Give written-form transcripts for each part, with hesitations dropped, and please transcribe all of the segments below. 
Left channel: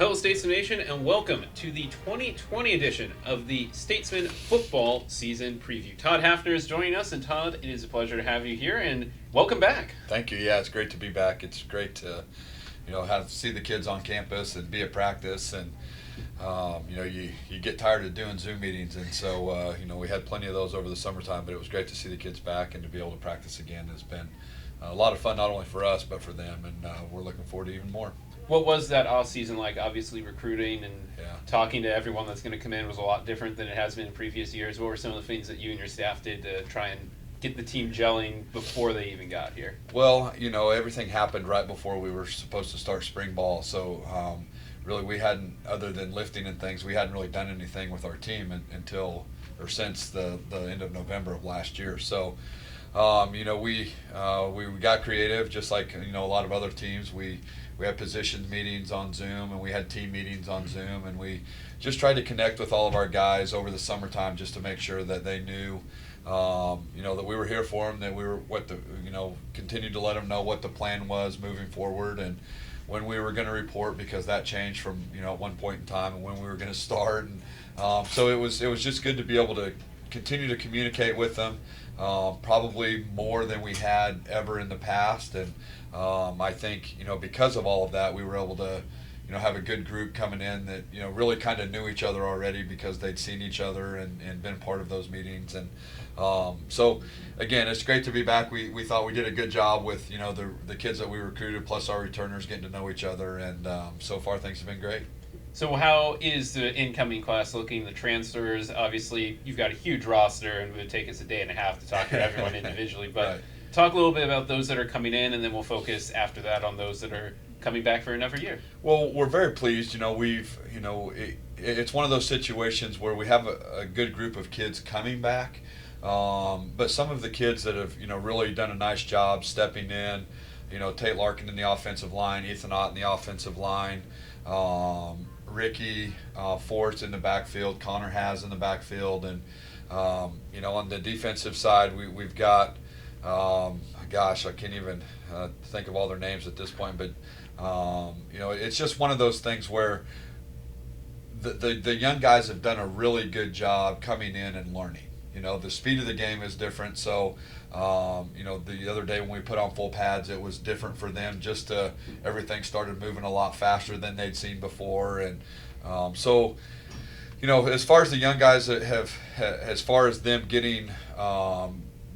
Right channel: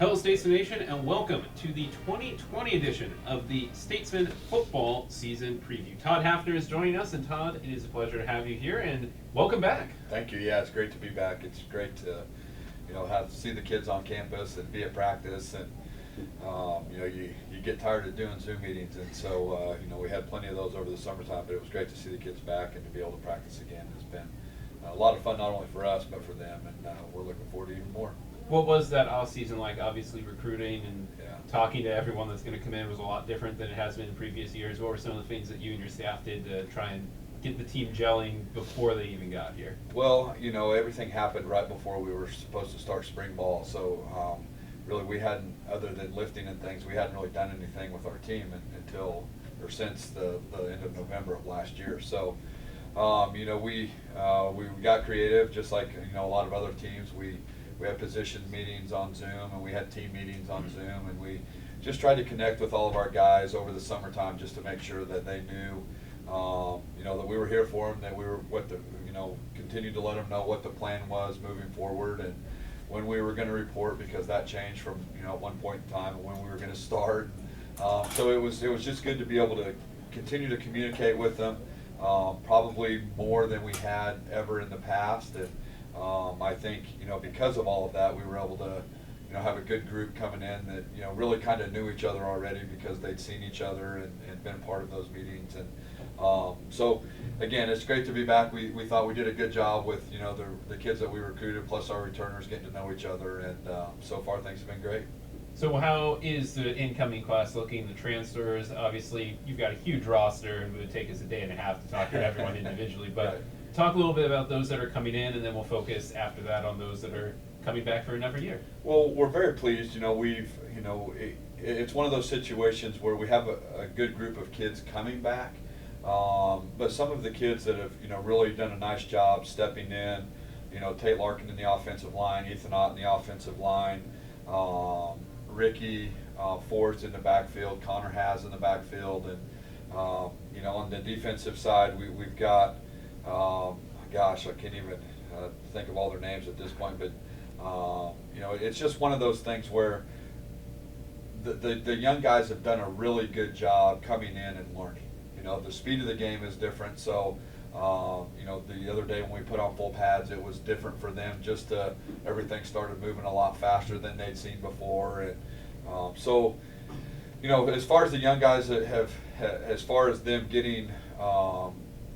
Hello, Statesmen Nation, and welcome to the 2020 edition of the Statesmen football season preview. Todd Hafner is joining us, and Todd, it is a pleasure to have you here, and welcome back. Thank you. Yeah, it's great to be back. It's great to, see the kids on campus and be at practice, and you get tired of doing Zoom meetings, and so we had plenty of those over the summertime, but it was great to see the kids back and to be able to practice again. It's been a lot of fun, not only for us but for them, and we're looking forward to even more. What was that off-season like? Obviously, recruiting and talking to everyone that's going to come in was a lot different than it has been in previous years. What were some of the things that you and your staff did to try and get the team gelling before they even got here? Well, everything happened right before we were supposed to start spring ball, so really we hadn't, other than lifting and things, we hadn't really done anything with our team until or since the end of November of last year. So, we got creative, just like a lot of other teams. We had position meetings on Zoom, and we had team meetings on Zoom, and we just tried to connect with all of our guys over the summertime just to make sure that they knew, that we were here for them, that we were continued to let them know what the plan was moving forward and when we were going to report, because that changed from at one point in time and when we were going to start. And so it was just good to be able to continue to communicate with them, probably more than we had ever in the past. And I think, because of all of that, we were able to, have a good group coming in that, really kind of knew each other already because they'd seen each other and been part of those meetings. And so, again, it's great to be back. We thought we did a good job with, the kids that we recruited, plus our returners, getting to know each other. And so far, things have been great. So how is the incoming class looking, the transfers? Obviously, you've got a huge roster, and it would take us a day and a half to talk to everyone individually. But Right. Talk a little bit about those that are coming in, and then we'll focus after that on those that are coming back for another year. Well, we're very pleased. It's one of those situations where we have a good group of kids coming back, but some of the kids that have, really done a nice job stepping in, Tate Larkin in the offensive line, Ethan Ott in the offensive line, Ricky Forrest in the backfield, Connor Has in the backfield, and, on the defensive side, we've got, I can't even think of all their names at this point, but it's just one of those things where the young guys have done a really good job coming in and learning. The speed of the game is different, so the other day when we put on full pads, it was different for them. Everything started moving a lot faster than they'd seen before, and so as far as the young guys that have, as far as them getting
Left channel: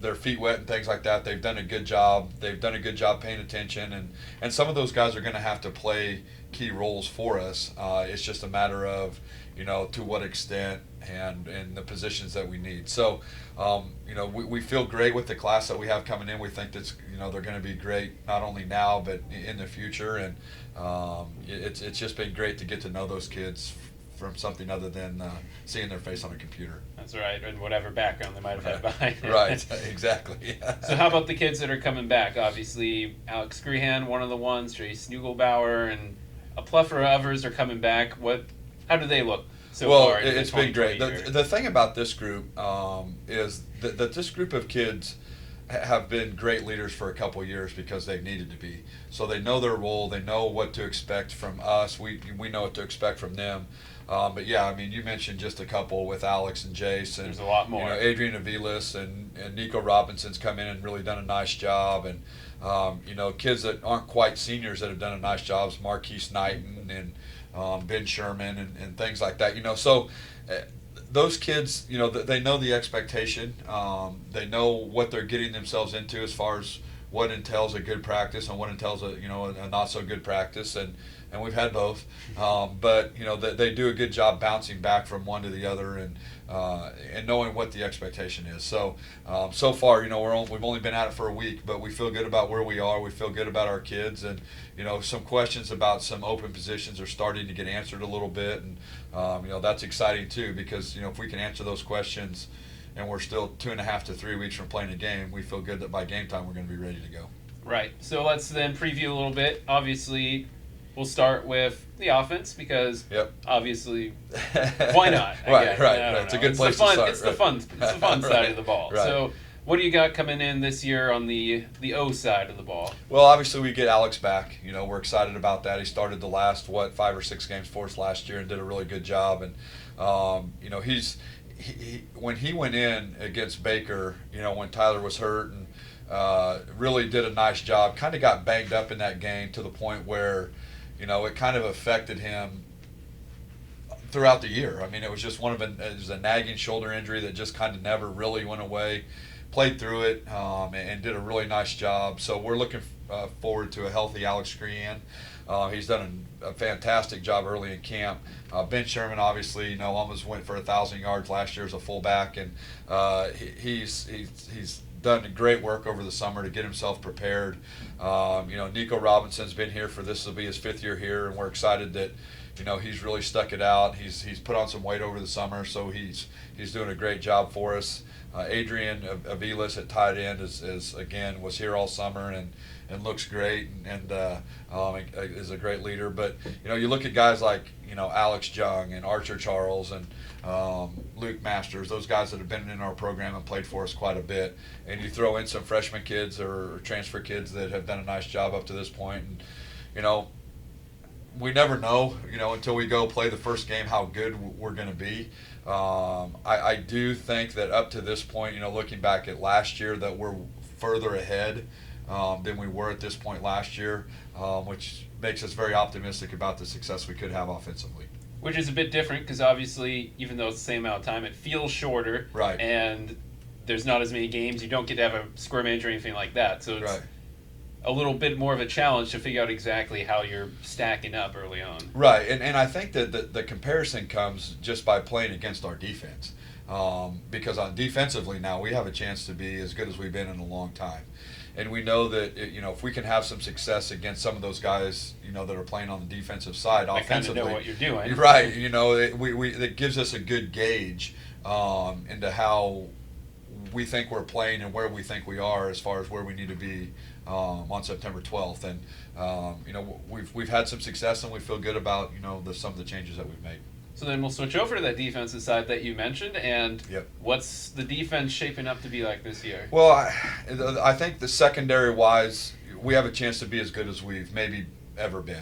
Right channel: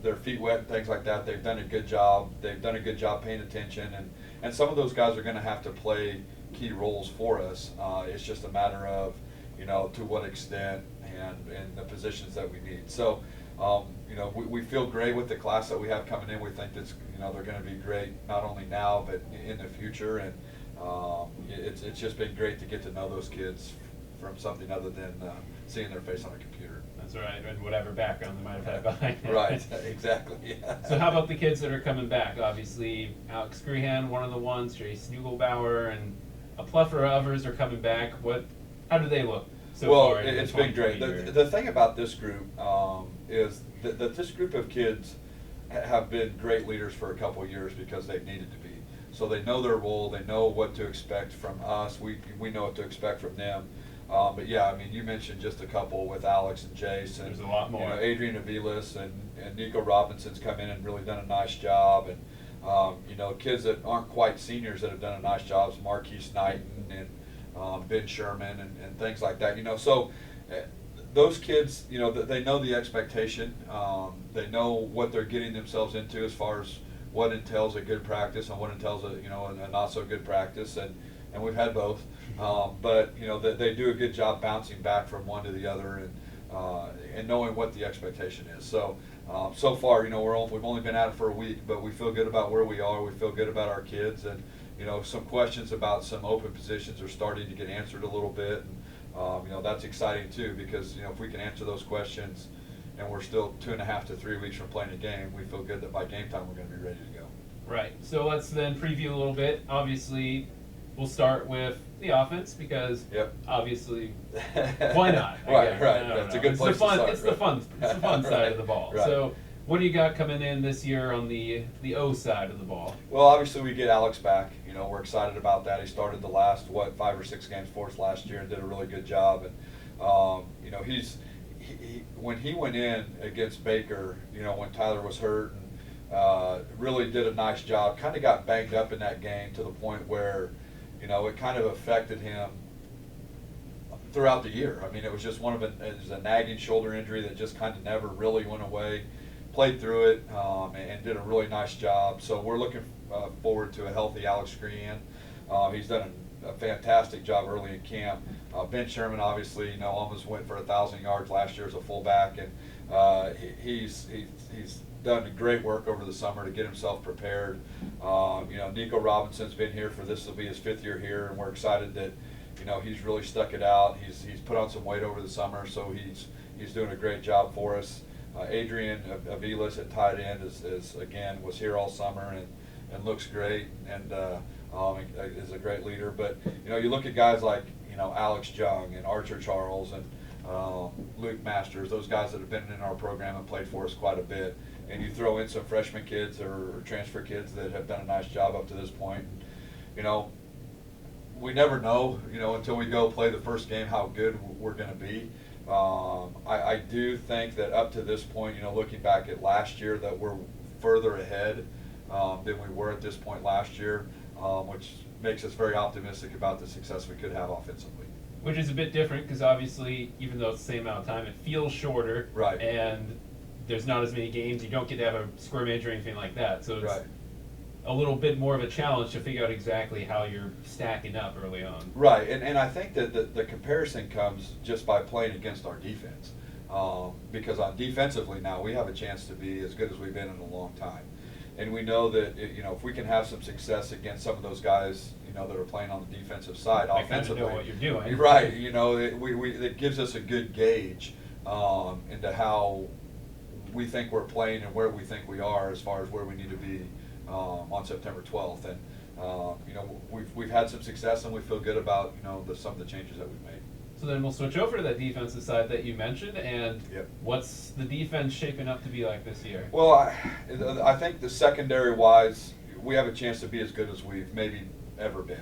their feet wet and things like that, they've done a good job. They've done a good job paying attention, and some of those guys are going to have to play key roles for us. It's just a matter of, to what extent and the positions that we need. So, we feel great with the class that we have coming in. We think that's, they're going to be great not only now but in the future, and it's just been great to get to know those kids from something other than seeing their face on a computer. That's right, and whatever background they might have had behind it. Right, exactly. So how about the kids that are coming back? Obviously, Alex Grehan, one of the ones, Jay Snugelbauer, and a plethora of others are coming back. How do they look so far? Well, it's been great. The thing about this group is that this group of kids have been great leaders for a couple of years because they've needed to be. So they know their role. They know what to expect from us. We know what to expect from them. But yeah, I mean, you mentioned just a couple with Alex and Jace, and there's a lot more. Adrian Aviles and Nico Robinson's come in and really done a nice job, and kids that aren't quite seniors that have done a nice job, Marquise Knighton and Ben Sherman and things like that. So those kids, they know the expectation. They know what they're getting themselves into as far as what entails a good practice and what entails a not so good practice, and we've had both, but they do a good job bouncing back from one to the other and knowing what the expectation is. So so far, we've only been at it for a week, but we feel good about where we are. We feel good about our kids, and some questions about some open positions are starting to get answered a little bit, and that's exciting too, because if we can answer those questions and we're still 2.5 to 3 weeks from playing a game, we feel good that by game time we're going to be ready to go. Right. So let's then preview a little bit. Obviously, we'll start with the offense because obviously, why not? Right. It's a good place to start. It's the fun side of the ball. Right. So What do you got coming in this year on the O side of the ball? Well, obviously we get Alex back. We're excited about that. He started the last 5 or 6 games for us last year and did a really good job. And when he went in against Baker, when Tyler was hurt, and really did a nice job. Kind of got banged up in that game to the point where, it kind of affected him throughout the year. I mean, it was just it was a nagging shoulder injury that just kind of never really went away. Played through it and did a really nice job. So we're looking forward to a healthy Alex Crean. He's done a fantastic job early in camp. Ben Sherman, obviously, almost went for 1,000 yards last year as a fullback, and he's done great work over the summer to get himself prepared. Nico Robinson's been here this will be his 5th year here, and we're excited that he's really stuck it out. He's put on some weight over the summer, so he's doing a great job for us. Adrian Aviles at tight end was here all summer and looks great and is a great leader. But you look at guys like Alex Jung and Archer Charles and Luke Masters, those guys that have been in our program and played for us quite a bit, and you throw in some freshman kids or transfer kids that have done a nice job up to this point. And, we never know, until we go play the first game how good we're going to be. I do think that up to this point, looking back at last year, that we're further ahead than we were at this point last year, which makes us very optimistic about the success we could have offensively. Which is a bit different because obviously, even though it's the same amount of time, it feels shorter. Right. And there's not as many games. You don't get to have a scrimmage or anything like that. So it's right. a little bit more of a challenge to figure out exactly how you're stacking up early on. Right, and I think that the comparison comes just by playing against our defense. Because defensively now we have a chance to be as good as we've been in a long time. And we know that if we can have some success against some of those guys, that are playing on the defensive side, offensively, kind of know what you're doing. Right, it gives us a good gauge into how we think we're playing and where we think we are as far as where we need to be on September 12th. And we've had some success and we feel good about some of the changes that we've made. So then we'll switch over to that defensive side that you mentioned, and Yep. What's the defense shaping up to be like this year? Well, I think the secondary-wise, we have a chance to be as good as we've maybe ever been.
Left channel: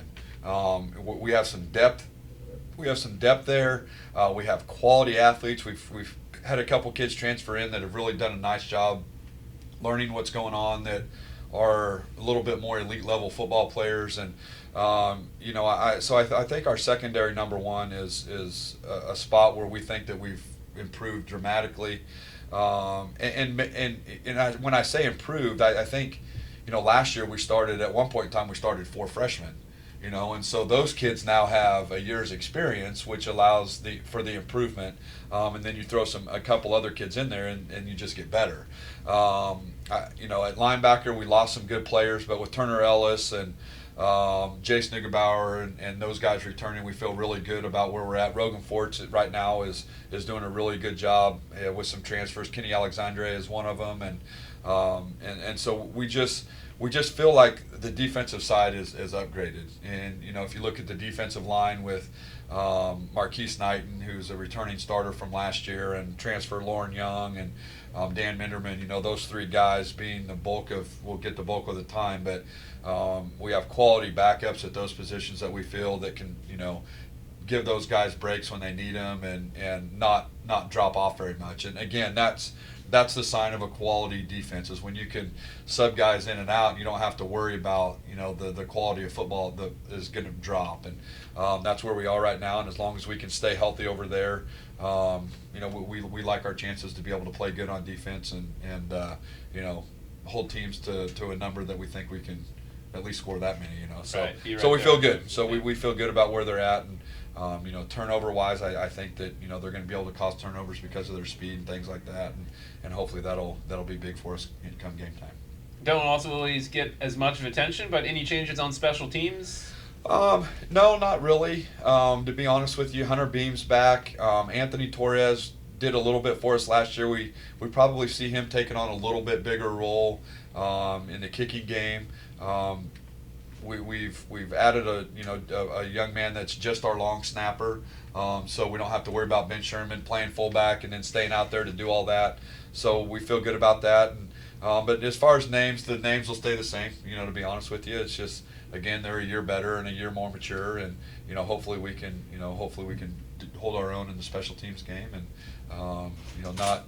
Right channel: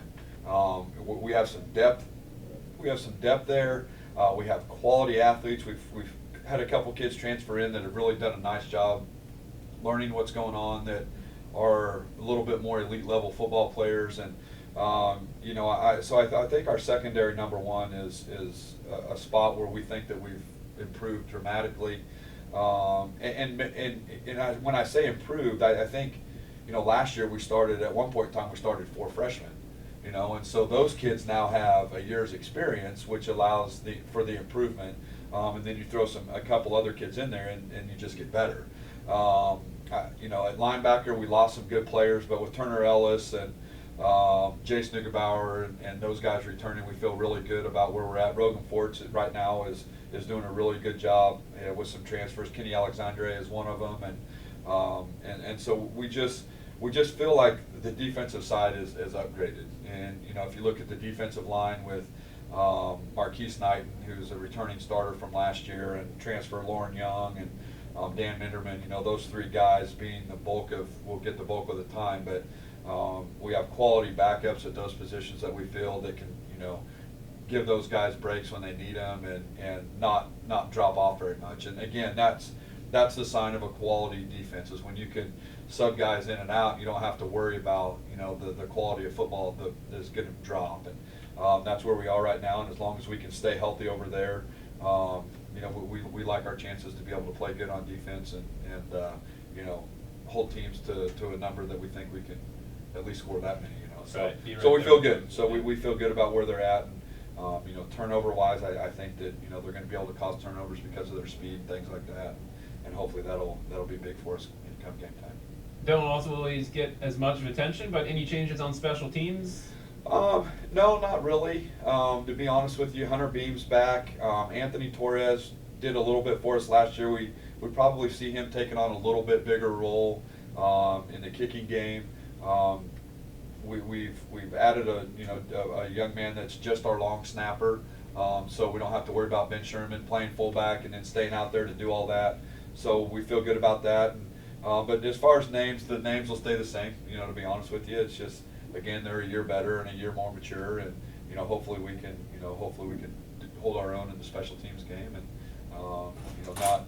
We have some depth. We have some depth there. We have quality athletes. We've had a couple kids transfer in that have really done a nice job learning what's going on, that are a little bit more elite level football players. And I think our secondary number one is a spot where we think that we've improved dramatically. When I say improved, I think last year at one point in time we started 4 freshmen, and so those kids now have a year's experience, which allows for the improvement, and then you throw a couple other kids in there and you just get better. At linebacker we lost some good players, but with Turner Ellis and Jace Neugebauer and those guys returning, we feel really good about where we're at. Rogan Forts right now is doing a really good job with some transfers. Kenny Alexandre is one of them, and so we just feel like the defensive side is upgraded. And if you look at the defensive line with Marquise Knighton, who's a returning starter from last year, and transfer Lauren Young and Dan Minderman, those 3 guys being will get the bulk of the time, but we have quality backups at those positions that we feel that can, give those guys breaks when they need them and not drop off very much. And again, that's the sign of a quality defense, is when you can sub guys in and out, you don't have to worry about, the quality of football that is going to drop. And that's where we are right now. And as long as we can stay healthy over there, we like our chances to be able to play good on defense and hold teams to a number that we think we can at least score that many. So right, so we feel good. So we feel good about where they're at. And, turnover-wise, I think that they're going to be able to cause turnovers because of their speed and things like that, and hopefully that'll be big for us come game time. Don't also always get as much of attention, but any changes on special teams? No, not really. To be honest with you, Hunter Beam's back. Anthony Torres did a little bit for us last year. We probably see him taking on a little bit bigger role in the kicking game. We've added a young man that's just our long snapper, so we don't have to worry about Ben Sherman playing fullback and then staying out there to do all that. so we feel good about that. But as far as names, the names will stay the same. To be honest with you, it's just, again, they're a year better and a year more mature, and hopefully we can hold our own in the special teams game, and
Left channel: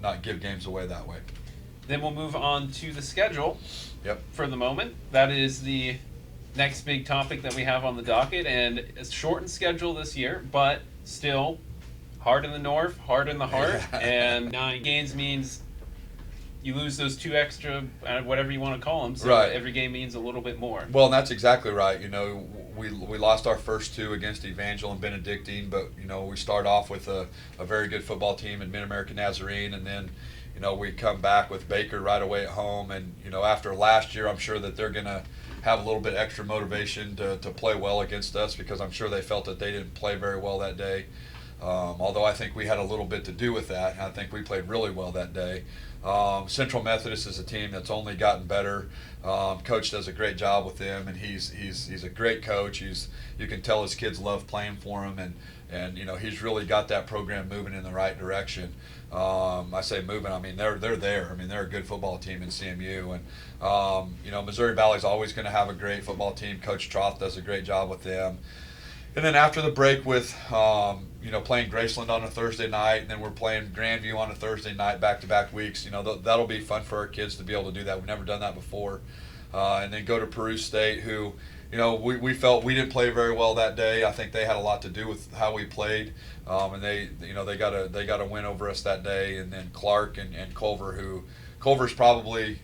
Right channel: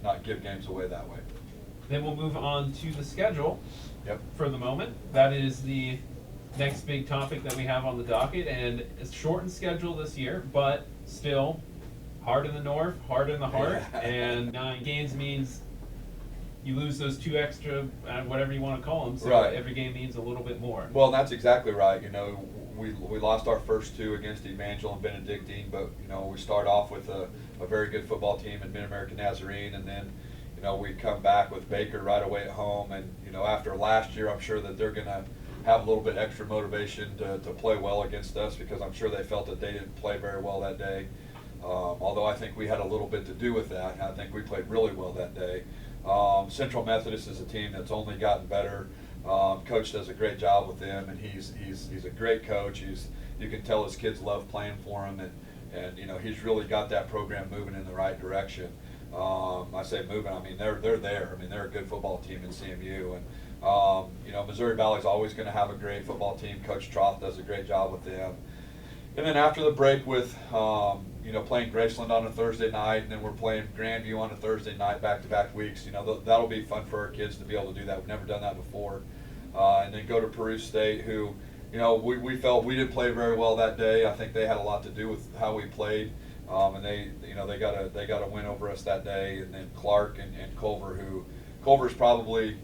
not give games away that way. Then we'll move on to the schedule. Yep. For the moment, that is the next big topic that we have on the docket, and it's shortened schedule this year, but still hard in the north, hard in the heart, and 9 games means you lose those 2 extra, whatever you want to call them, so right. Every game means a little bit more. Well, that's exactly right. We lost our first 2 against Evangel and Benedictine, but we start off with a very good football team in Mid-American Nazarene, and then we come back with Baker right away at home, and after last year, I'm sure that they're going to have a little bit extra motivation to play well against us, because I'm sure they felt that they didn't play very well that day. Although I think we had a little bit to do with that. I think we played really well that day. Central Methodist is a team that's only gotten better. Coach does a great job with them, and he's a great coach. You can tell his kids love playing for him, and he's really got that program moving in the right direction. I say moving, I mean they're there. I mean, they're a good football team in CMU, and Missouri Valley's always going to have a great football team. Coach Todd does a great job with them. And then after the break with playing Graceland on a Thursday night, and then we're playing Grandview on a Thursday night, back-to-back weeks. That'll be fun for our kids to be able to do that. We've never done that before. And then go to Peru State, who, we felt we didn't play very well that day. I think they had a lot to do with how we played, and they got a win over us that day. And then Clark and Culver, Culver's probably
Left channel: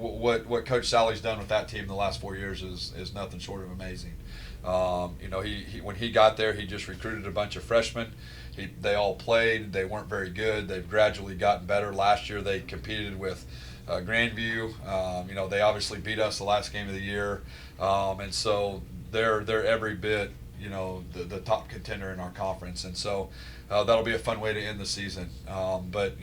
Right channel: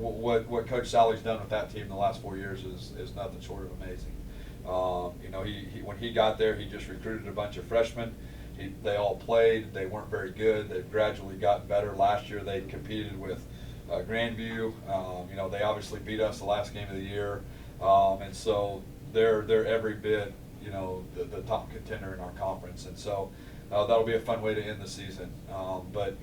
what Coach Sally's done with that team the last 4 years is nothing short of amazing. He when he got there, he just recruited a bunch of freshmen. They all played. They weren't very good. They've gradually gotten better. Last year they competed with Grandview. They obviously beat us the last game of the year, and so they're every bit the top contender in our conference. And so that'll be a fun way to end the season. But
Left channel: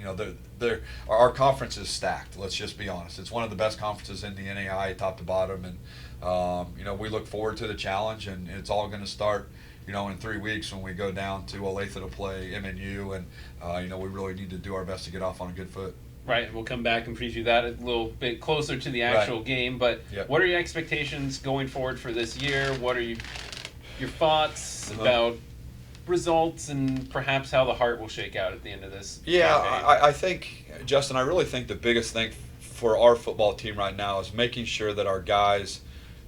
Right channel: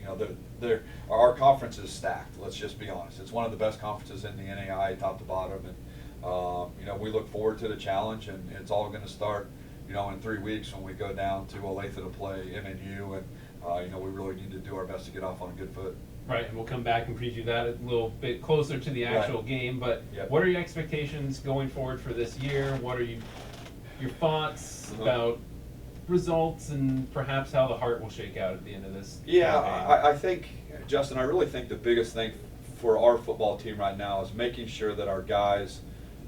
our conference is stacked. Let's just be honest. It's one of the best conferences in the NAI, top to bottom, and we look forward to the challenge, and it's all going to start, in 3 weeks when we go down to Olathe to play MNU, and we really need to do our best to get off on a good foot. Right, we'll come back and preview that a little bit closer to the actual game. But Yep. What are your expectations going forward for this year? What are your thoughts about results and perhaps how the heart will shake out at the end of this campaign? I think, Justin, I really think the biggest thing for our football team right now is making sure that our guys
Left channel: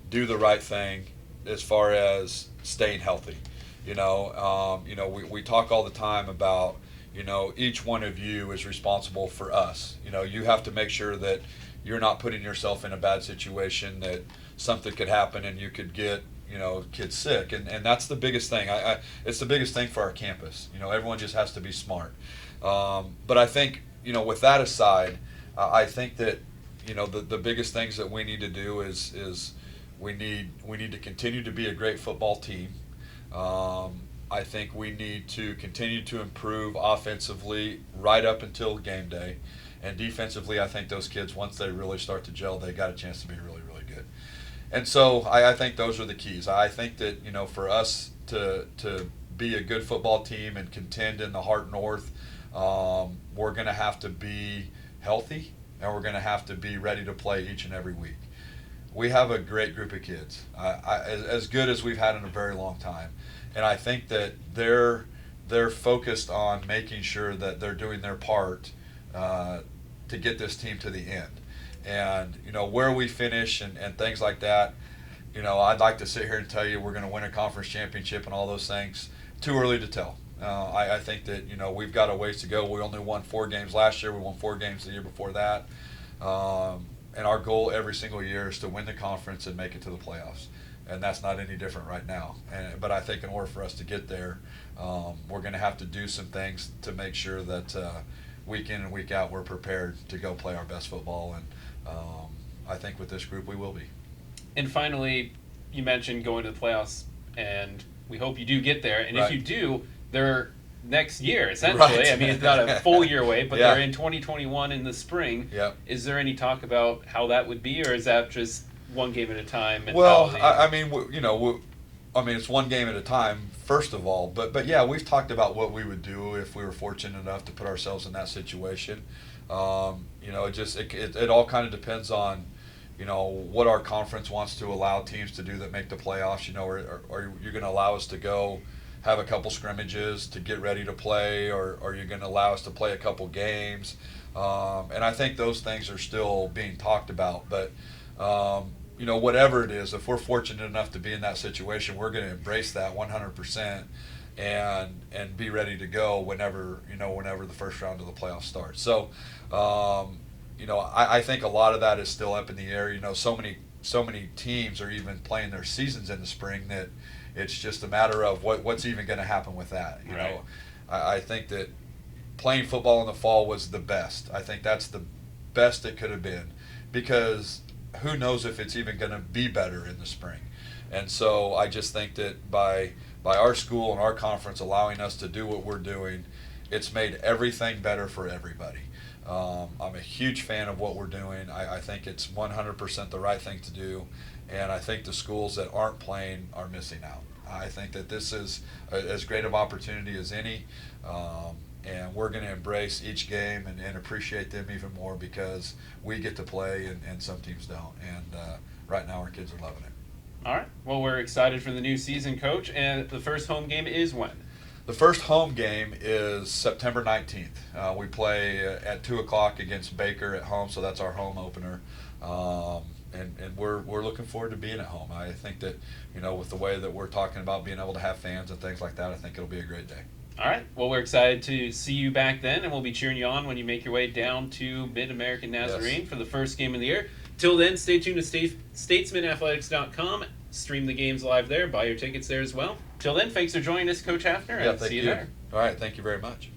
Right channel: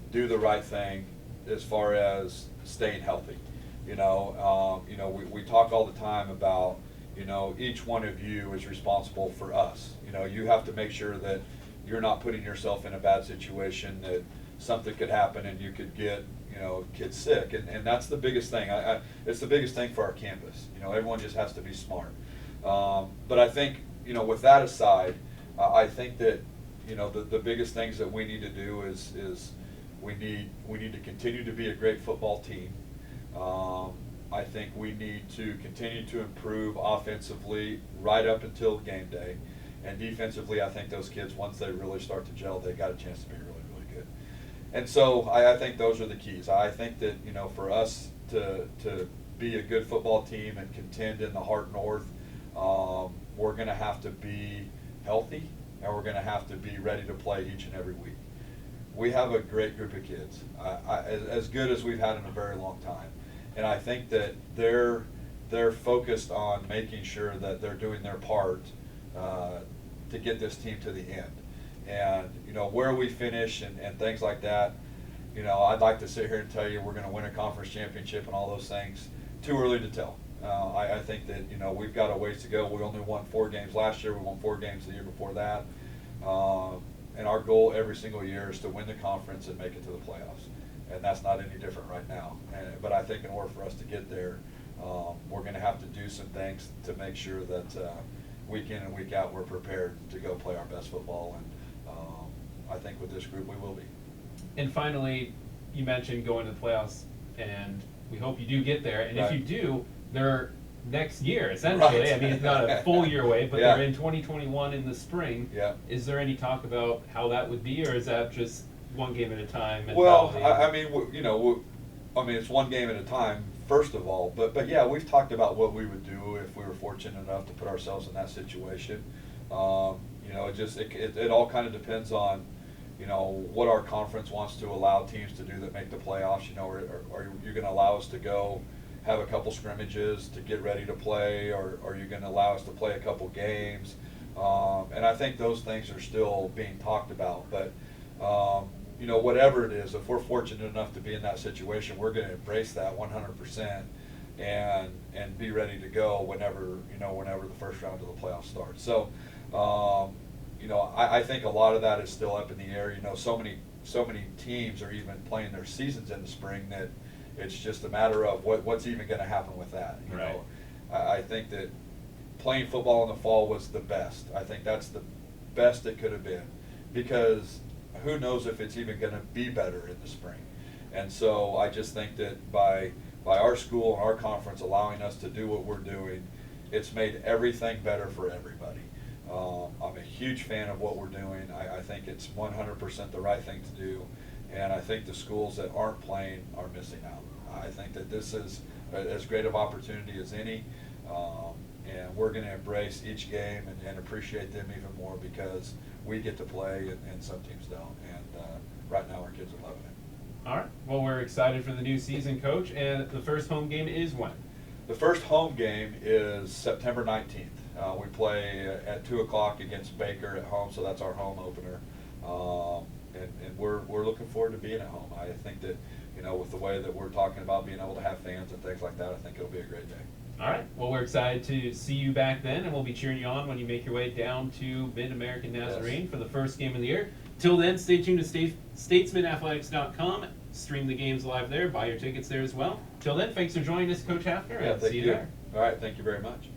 do the right thing as far as staying healthy. We talk all the time about, each one of you is responsible for us. You have to make sure that you're not putting yourself in a bad situation, that something could happen and you could get, kids sick. And that's the biggest thing. It's the biggest thing for our campus. Everyone just has to be smart. But I think, with that aside, I think that, the biggest things that we need to do is we need to continue to be a great football team. I think we need to continue to improve offensively right up until game day. And defensively, I think those kids, once they really start to gel, they got a chance to be really, really good. And so I think those are the keys. I think that, for us to be a good football team and contend in the Heart North, we're going to have to be healthy, and we're going to have to be ready to play each and every week. We have a great group of kids, as good as we've had in a very long time. And I think that they're focused on making sure that they're doing their part to get this team to the end. And, where we finish and things like that, I'd like to sit here and tell you we're going to win a conference championship and all those things. Too early to tell. I think that, we've got a ways to go. We only won 4 games last year. We won 4 games the year before that. And our goal every single year is to win the conference and make it to the playoffs. And that's not any different right now. But I think in order for us to get there, we're going to have to do some things to make sure that week in and week out we're prepared to go play our best football. And I think with this group we will be. And finally, you mentioned going to the playoffs, and we hope you do get there. And Right. if you do, they're next year, essentially. Right. I mean, it's not a full year away, but Yeah. they're in 2021 in the spring. Yeah. Is there any talk about how that would be, or is that just one game at a time? Well, mentality? I mean, it's one game at a time, first of all. But yeah, we've talked about what we would do if we were fortunate enough to put ourselves in that situation. You know, it all kind of depends on, you know, what our conference wants to allow teams to do that make the playoffs. You know, are you going to allow us to go have a couple scrimmages to get ready to play, or are you going to allow us to play a couple games? And I think those things are still being talked about. But, you know, whatever it is, if we're fortunate enough to be in that situation, we're going to embrace that 100% and be ready to go whenever the first round of the playoffs starts. So, you know, I think a lot of that is still up in the air. You know, so many teams are even playing their seasons in the spring that it's just a matter of what's even going to happen with that. You know, I think that playing football in the fall was the best. I think that's the best it could have been, because who knows if it's even going to be better in the spring. And so I just think that by our school and our conference allowing us to do what we're doing, it's made everything better for everybody. I'm a huge fan of what we're doing. I think it's 100% the right thing to do, and I think the schools that aren't playing are missing out. I think that this is as great of opportunity as any, and we're going to embrace each game and appreciate them even more, because we get to play and some teams don't, and right now our kids are loving it. All right. Well, we're excited for the new season, Coach, and the first home game is when? The first home game is September 19th. We play at 2 o'clock against Baker at home, so that's our home opener. And we're looking forward to being at home. I think that, you know, with the way that we're talking about being able to have fans and things like that, I think it'll be a great day. All right. Well, we're excited to see you back then, and we'll be cheering you on when you make your way down to Mid-American Nazarene for the first game of the year. Till then, stay tuned to statesmanathletics.com. Stream the games live there. Buy your tickets there as well. Till then, thanks for joining us, Coach Hafner, and see you there. All right. Thank you very much.